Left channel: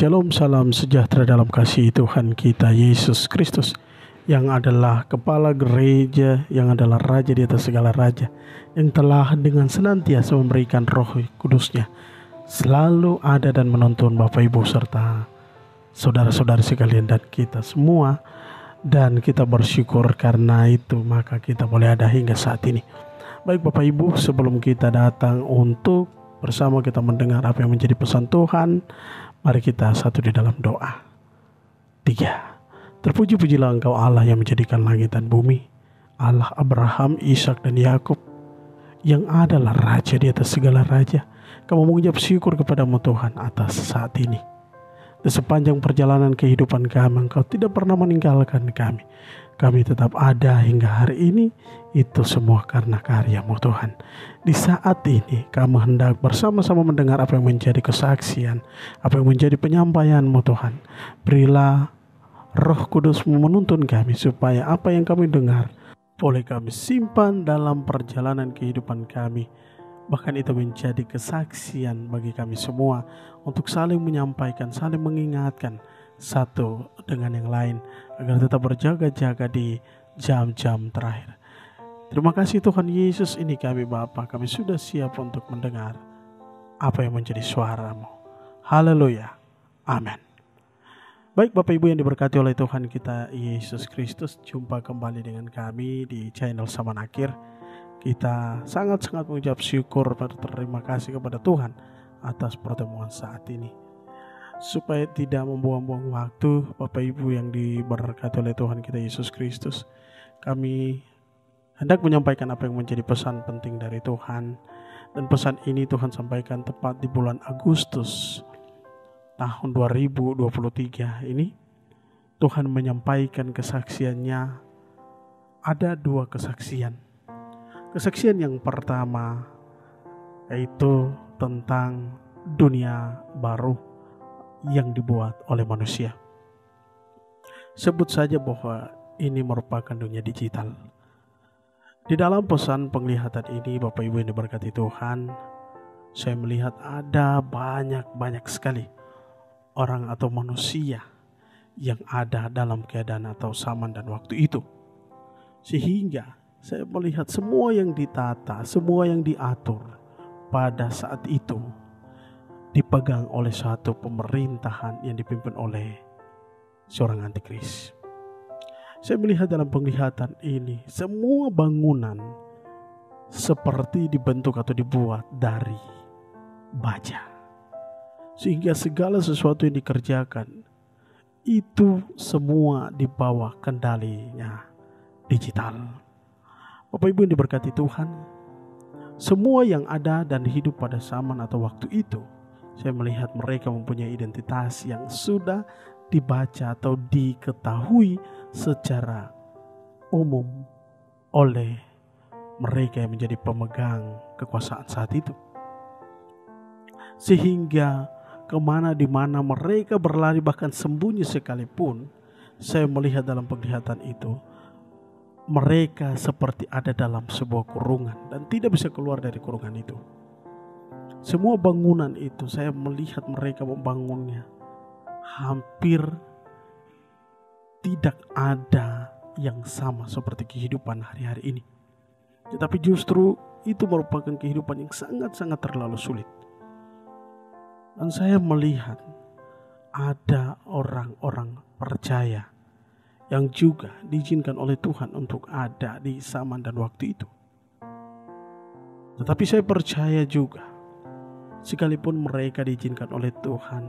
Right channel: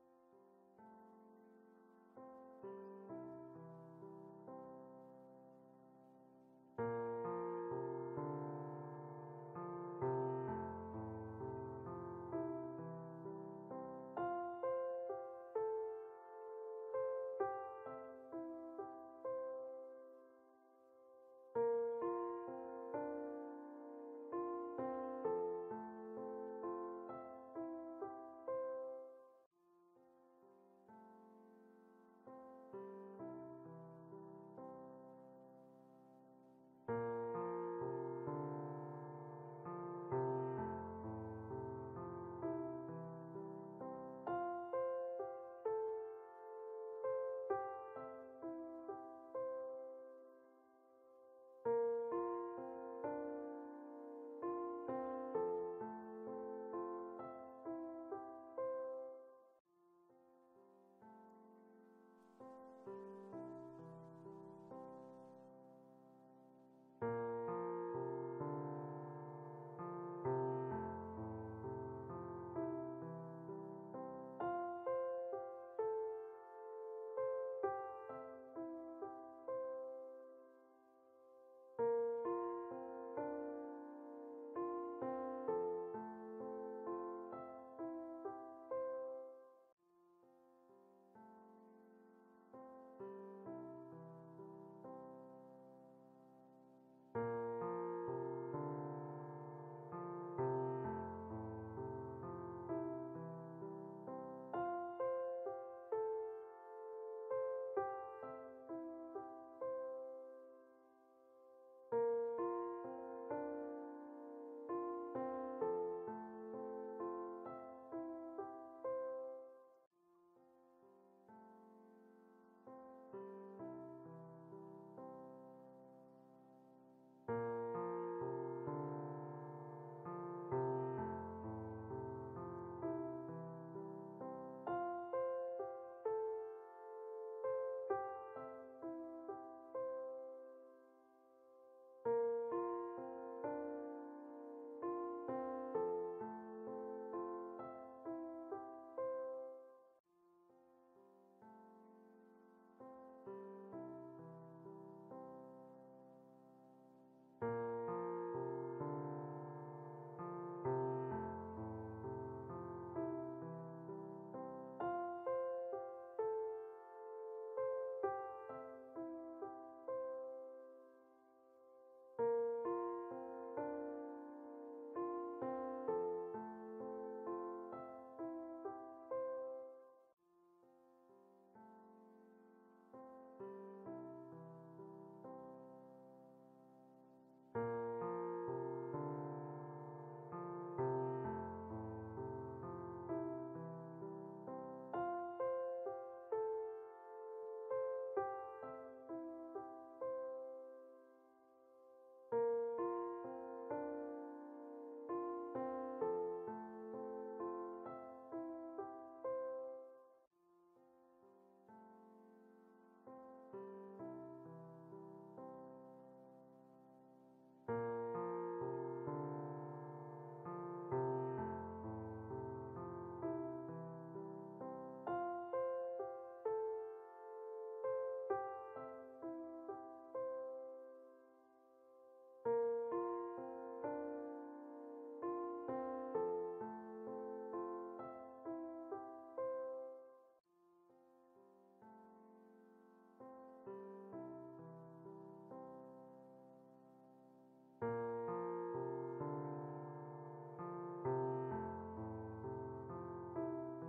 Shalom, salam sejahtera dalam kasih Tuhan kita Yesus Kristus, yang adalah kepala gereja, yang adalah raja di atas segala raja, yang telah dengan senantiasa memberikan roh kudusnya selalu ada dan menuntun Bapak Ibu serta saudara-saudari sekalian dan kita semua. Dan kita bersyukur karena itu maka kita boleh ada hingga saat ini. Baik Bapak Ibu, sebelum kita datang untuk bersama kita mendengar apa yang menjadi pesan Tuhan, mari kita satu di dalam doa. 3. Terpuji-pujilah Engkau Allah yang menjadikan langit dan bumi, Allah Abraham, Ishak dan Yakub, yang adalah raja di atas segala raja. Kami mengucap syukur kepadamu Tuhan atas saat ini. Di sepanjang perjalanan kehidupan kami, Engkau tidak pernah meninggalkan kami. Kami tetap ada hingga hari ini. Itu semua karena karya-Mu Tuhan. Di saat ini kami hendak bersama-sama mendengar apa yang menjadi kesaksian, apa yang menjadi penyampaian-Mu Tuhan. Berilah Roh Kudus-Mu menuntun kami supaya apa yang kami dengar boleh kami simpan dalam perjalanan kehidupan kami. Bahkan itu menjadi kesaksian bagi kami semua untuk saling menyampaikan, saling mengingatkan satu dengan yang lain agar tetap berjaga-jaga di jam-jam terakhir. Terima kasih Tuhan Yesus, ini kami Bapa, kami sudah siap untuk mendengar apa yang menjadi suara-Mu. Haleluya, amin. Baik Bapak Ibu yang diberkati oleh Tuhan kita Yesus Kristus, jumpa kembali dengan kami di channel Samanakir. Kita sangat-sangat mengucap syukur dan terima kasih kepada Tuhan atas pertemuan saat ini. Supaya tidak membuang-buang waktu, Bapak Ibu yang diberkati oleh Tuhan kita Yesus Kristus, kami hendak menyampaikan apa yang menjadi pesan penting dari Tuhan. Dan pesan ini Tuhan sampaikan tepat di bulan Agustus tahun 2023 ini. Tuhan menyampaikan kesaksiannya. Ada 2 kesaksian. Kesaksian yang pertama yaitu tentang dunia baru yang dibuat oleh manusia. Sebut saja bahwa ini merupakan dunia digital. Di dalam pesan penglihatan ini Bapak Ibu yang diberkati Tuhan, saya melihat ada banyak sekali orang atau manusia yang ada dalam keadaan atau zaman dan waktu itu. Sehingga saya melihat semua yang ditata, semua yang diatur pada saat itu dipegang oleh suatu pemerintahan yang dipimpin oleh seorang antikris. Saya melihat dalam penglihatan ini semua bangunan seperti dibentuk atau dibuat dari baja. Sehingga segala sesuatu yang dikerjakan itu semua di bawah kendalinya digital. Bapak Ibu yang diberkati Tuhan, semua yang ada dan hidup pada zaman atau waktu itu, saya melihat mereka mempunyai identitas yang sudah dibaca atau diketahui secara umum oleh mereka yang menjadi pemegang kekuasaan saat itu. Sehingga kemana di mana mereka berlari bahkan sembunyi sekalipun, saya melihat dalam penglihatan itu mereka seperti ada dalam sebuah kurungan dan tidak bisa keluar dari kurungan itu. Semua bangunan itu saya melihat mereka membangunnya hampir tidak ada yang sama seperti kehidupan hari-hari ini. Tetapi justru itu merupakan kehidupan yang sangat-sangat terlalu sulit. Dan saya melihat ada orang-orang percaya yang juga diizinkan oleh Tuhan untuk ada di zaman dan waktu itu. Tetapi saya percaya juga, sekalipun mereka diizinkan oleh Tuhan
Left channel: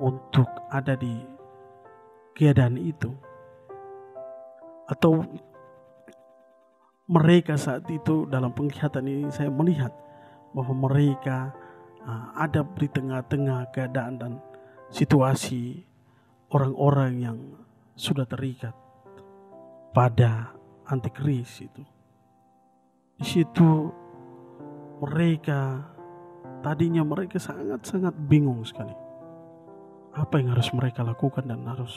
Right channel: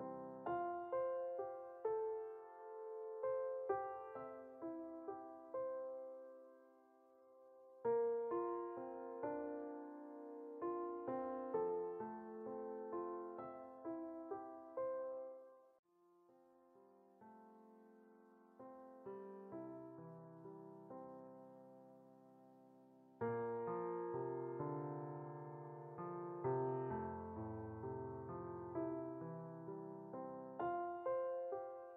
untuk ada di keadaan itu, atau mereka saat itu dalam penglihatan ini saya melihat bahwa mereka ada di tengah-tengah keadaan dan situasi orang-orang yang sudah terikat pada antikris itu. Di situ tadinya mereka sangat-sangat bingung sekali. Apa yang harus mereka lakukan dan harus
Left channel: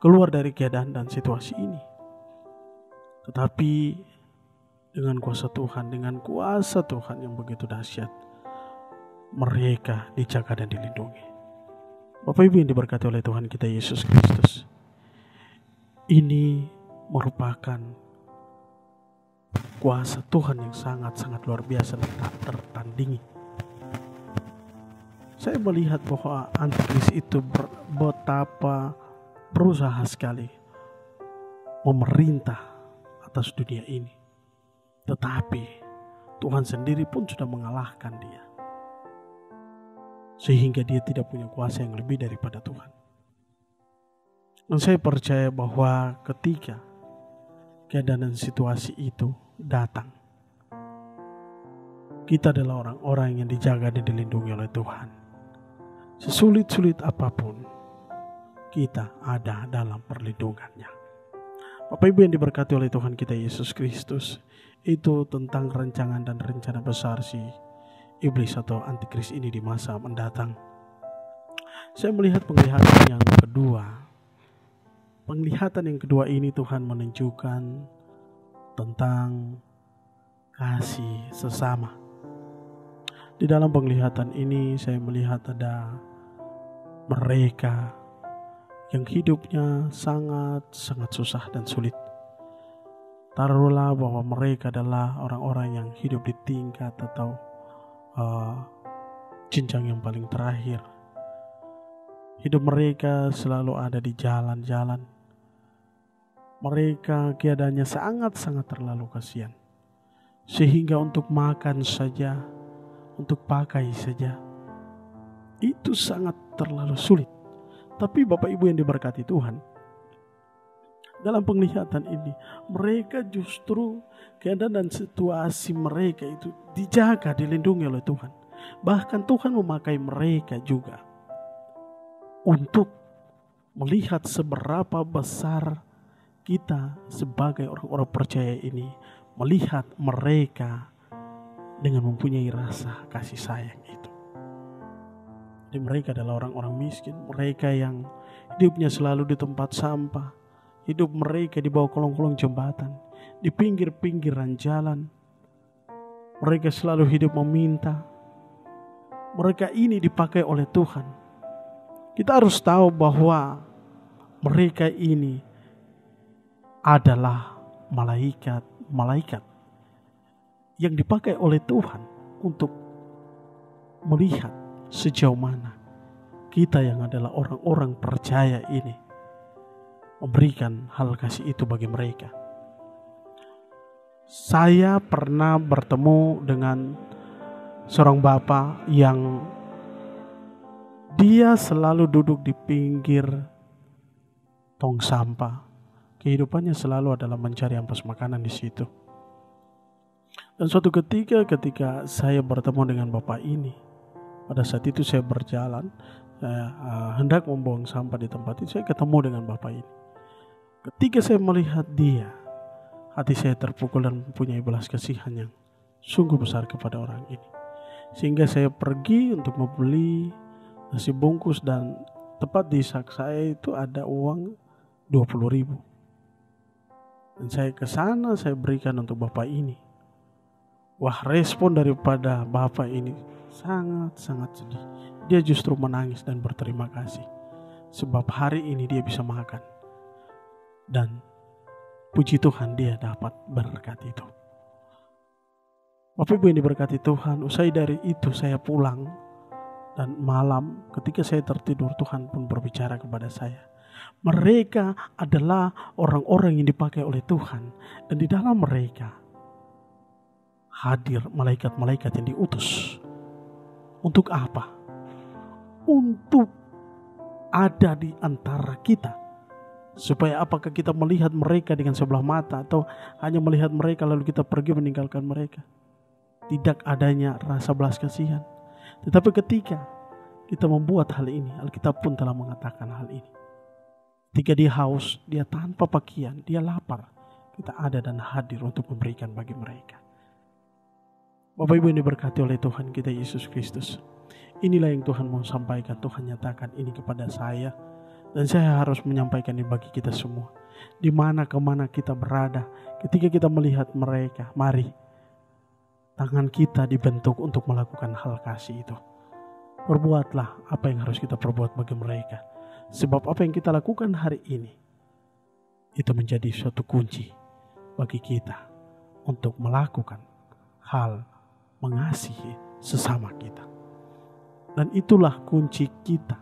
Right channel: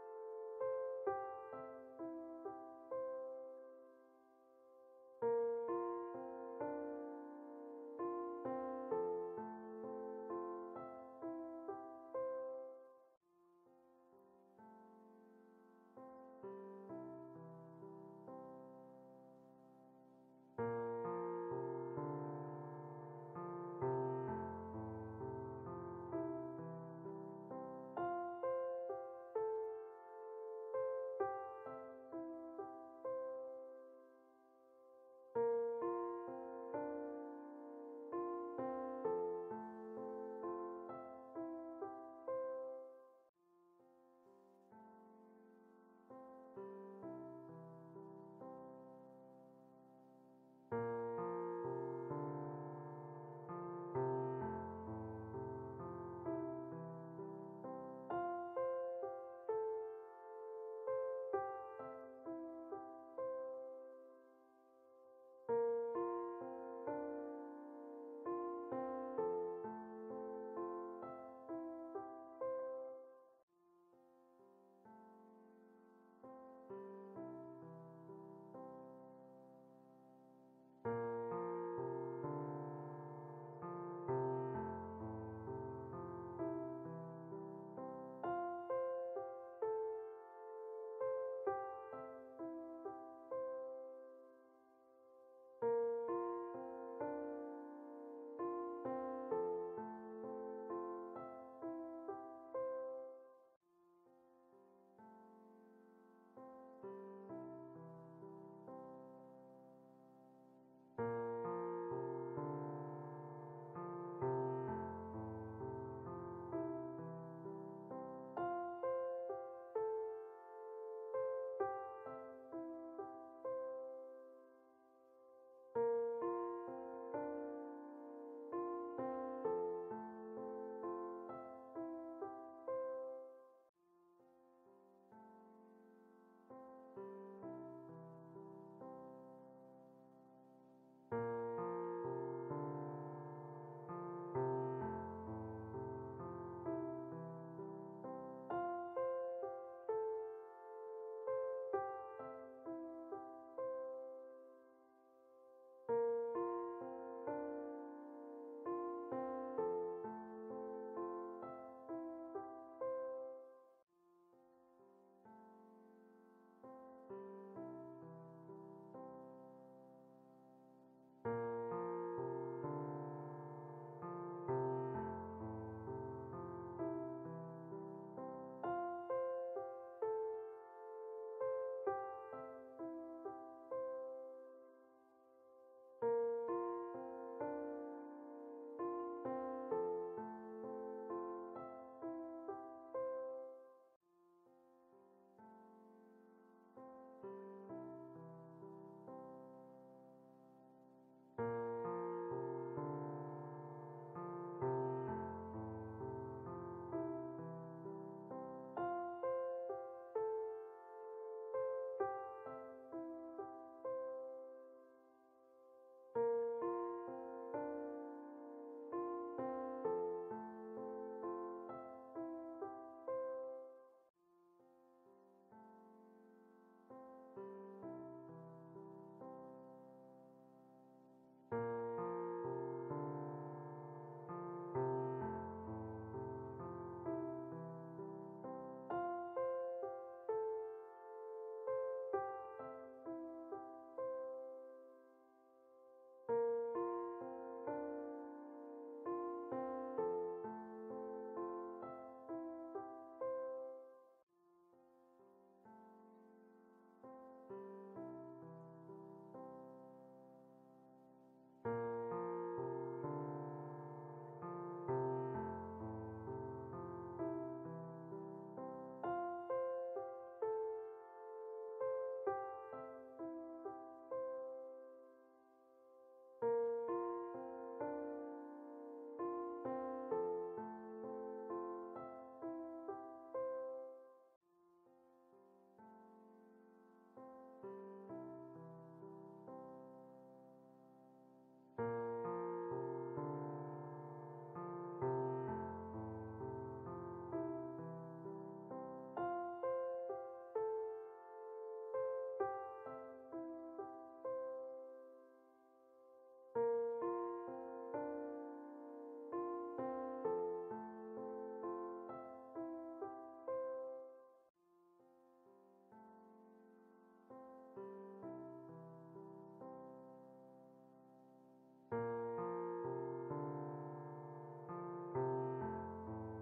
keluar dari keadaan dan situasi ini. Tetapi dengan kuasa Tuhan yang begitu dahsyat, mereka dijaga dan dilindungi. Bapak Ibu yang diberkati oleh Tuhan kita Yesus Kristus, ini merupakan kuasa Tuhan yang sangat-sangat luar biasa dan tak tertandingi. Saya melihat bahwa antikris itu betapa berusaha sekali memerintah atas dunia ini. Tetapi Tuhan sendiri pun sudah mengalahkan dia. Sehingga dia tidak punya kuasa yang lebih daripada Tuhan. Dan saya percaya bahwa ketika keadaan dan situasi itu datang, kita adalah orang-orang yang dijaga dan dilindungi oleh Tuhan. Sesulit-sulit apapun, kita ada dalam perlindungannya. Bapak Ibu yang diberkati oleh Tuhan kita Yesus Kristus, itu tentang rancangan dan rencana besar si iblis atau antikris ini di masa mendatang. Saya melihat penglihatan yang kedua. Penglihatan yang kedua ini Tuhan menunjukkan tentang kasih sesama. Di dalam penglihatan ini saya melihat ada mereka yang hidupnya sangat-sangat susah dan sulit. Taruhlah bahwa mereka adalah orang-orang yang hidup di tingkat atau jenjang yang paling terakhir. Hidup mereka selalu ada di jalan-jalan. Mereka keadaannya sangat-sangat terlalu kasihan. Sehingga untuk makan saja, untuk pakai saja, itu sangat terlalu sulit. Tapi Bapak Ibu yang diberkati Tuhan, dalam penglihatan ini, mereka justru keadaan dan situasi mereka itu dijaga, dilindungi oleh Tuhan. Bahkan Tuhan memakai mereka juga untuk melihat seberapa besar kita sebagai orang-orang percaya ini melihat mereka dengan mempunyai rasa kasih sayang itu. Jadi mereka adalah orang-orang miskin, mereka yang hidupnya selalu di tempat sampah, hidup mereka di bawah kolong-kolong jembatan, di pinggir-pinggiran jalan. Mereka selalu hidup meminta. Mereka ini dipakai oleh Tuhan. Kita harus tahu bahwa mereka ini adalah malaikat yang dipakai oleh Tuhan untuk melihat sejauh mana kita yang adalah orang-orang percaya ini memberikan hal kasih itu bagi mereka. Saya pernah bertemu dengan seorang bapak yang dia selalu duduk di pinggir tong sampah. Kehidupannya selalu adalah mencari ampas makanan di situ. Dan suatu ketika saya bertemu dengan bapak ini, pada saat itu saya berjalan, saya hendak membuang sampah di tempat itu, saya ketemu dengan bapak ini. Ketika saya melihat dia, hati saya terpukul dan mempunyai belas kasihan yang sungguh besar kepada orang ini. Sehingga saya pergi untuk membeli nasi bungkus dan tepat di sak saya itu ada uang 20.000. Dan saya ke sana, saya berikan untuk bapak ini. Wah, respon daripada bapak ini sangat-sangat sedih. Dia justru menangis dan berterima kasih. Sebab hari ini dia bisa makan. Dan puji Tuhan dia dapat berkat itu. Bapak Ibu yang diberkati Tuhan, usai dari itu saya pulang. Dan malam ketika saya tertidur, Tuhan pun berbicara kepada saya. Mereka adalah orang-orang yang dipakai oleh Tuhan. Dan di dalam mereka hadir malaikat-malaikat yang diutus. Untuk apa? Untuk ada di antara kita. Supaya apakah kita melihat mereka dengan sebelah mata, atau hanya melihat mereka lalu kita pergi meninggalkan mereka? Tidak adanya rasa belas kasihan. Tetapi ketika kita membuat hal ini, Alkitab pun telah mengatakan hal ini. Ketika dia haus, dia tanpa pakaian, dia lapar, kita ada dan hadir untuk memberikan bagi mereka. Bapak Ibu yang diberkati oleh Tuhan kita Yesus Kristus, inilah yang Tuhan mau sampaikan. Tuhan nyatakan ini kepada saya, dan saya harus menyampaikan ini bagi kita semua. Di mana kemana kita berada, ketika kita melihat mereka, mari tangan kita dibentuk untuk melakukan hal kasih itu. Perbuatlah apa yang harus kita perbuat bagi mereka. Sebab apa yang kita lakukan hari ini, itu menjadi suatu kunci bagi kita untuk melakukan hal mengasihi sesama kita. Dan itulah kunci kita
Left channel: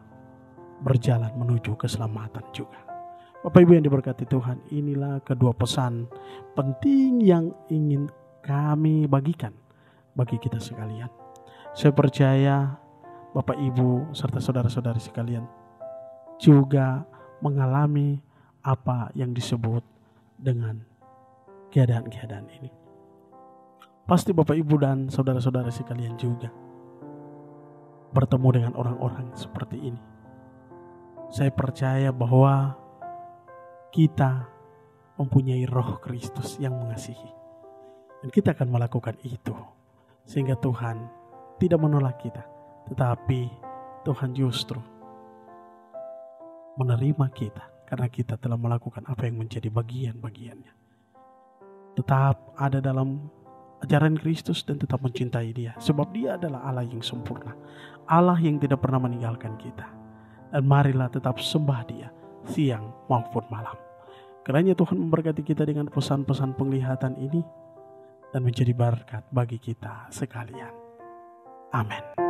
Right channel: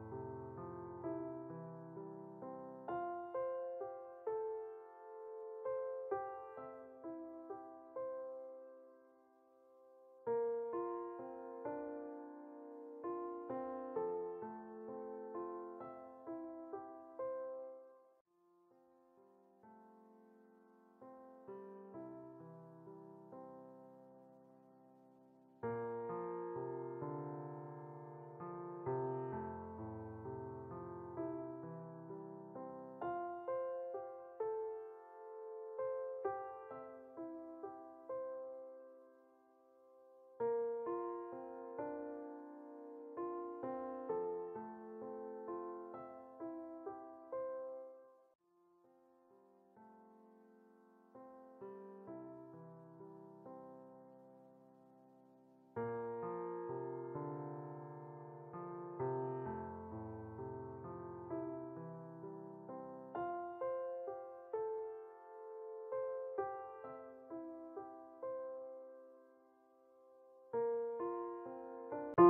berjalan menuju keselamatan juga. Bapak Ibu yang diberkati Tuhan, inilah kedua pesan penting yang ingin kami bagikan bagi kita sekalian. Saya percaya Bapak Ibu serta saudara-saudari sekalian juga mengalami apa yang disebut dengan keadaan-keadaan ini. Pasti Bapak Ibu dan saudara-saudara sekalian juga bertemu dengan orang-orang seperti ini. Saya percaya bahwa kita mempunyai Roh Kristus yang mengasihi, dan kita akan melakukan itu sehingga Tuhan tidak menolak kita, tetapi Tuhan justru menerima kita karena kita telah melakukan apa yang menjadi bagian-bagiannya. Tetap ada dalam ajaran Kristus dan tetap mencintai Dia, sebab Dia adalah Allah yang sempurna, Allah yang tidak pernah meninggalkan kita. Dan marilah tetap sembah Dia siang maupun malam. Kiranya Tuhan memberkati kita dengan pesan-pesan penglihatan ini dan menjadi berkat bagi kita sekalian. Amin.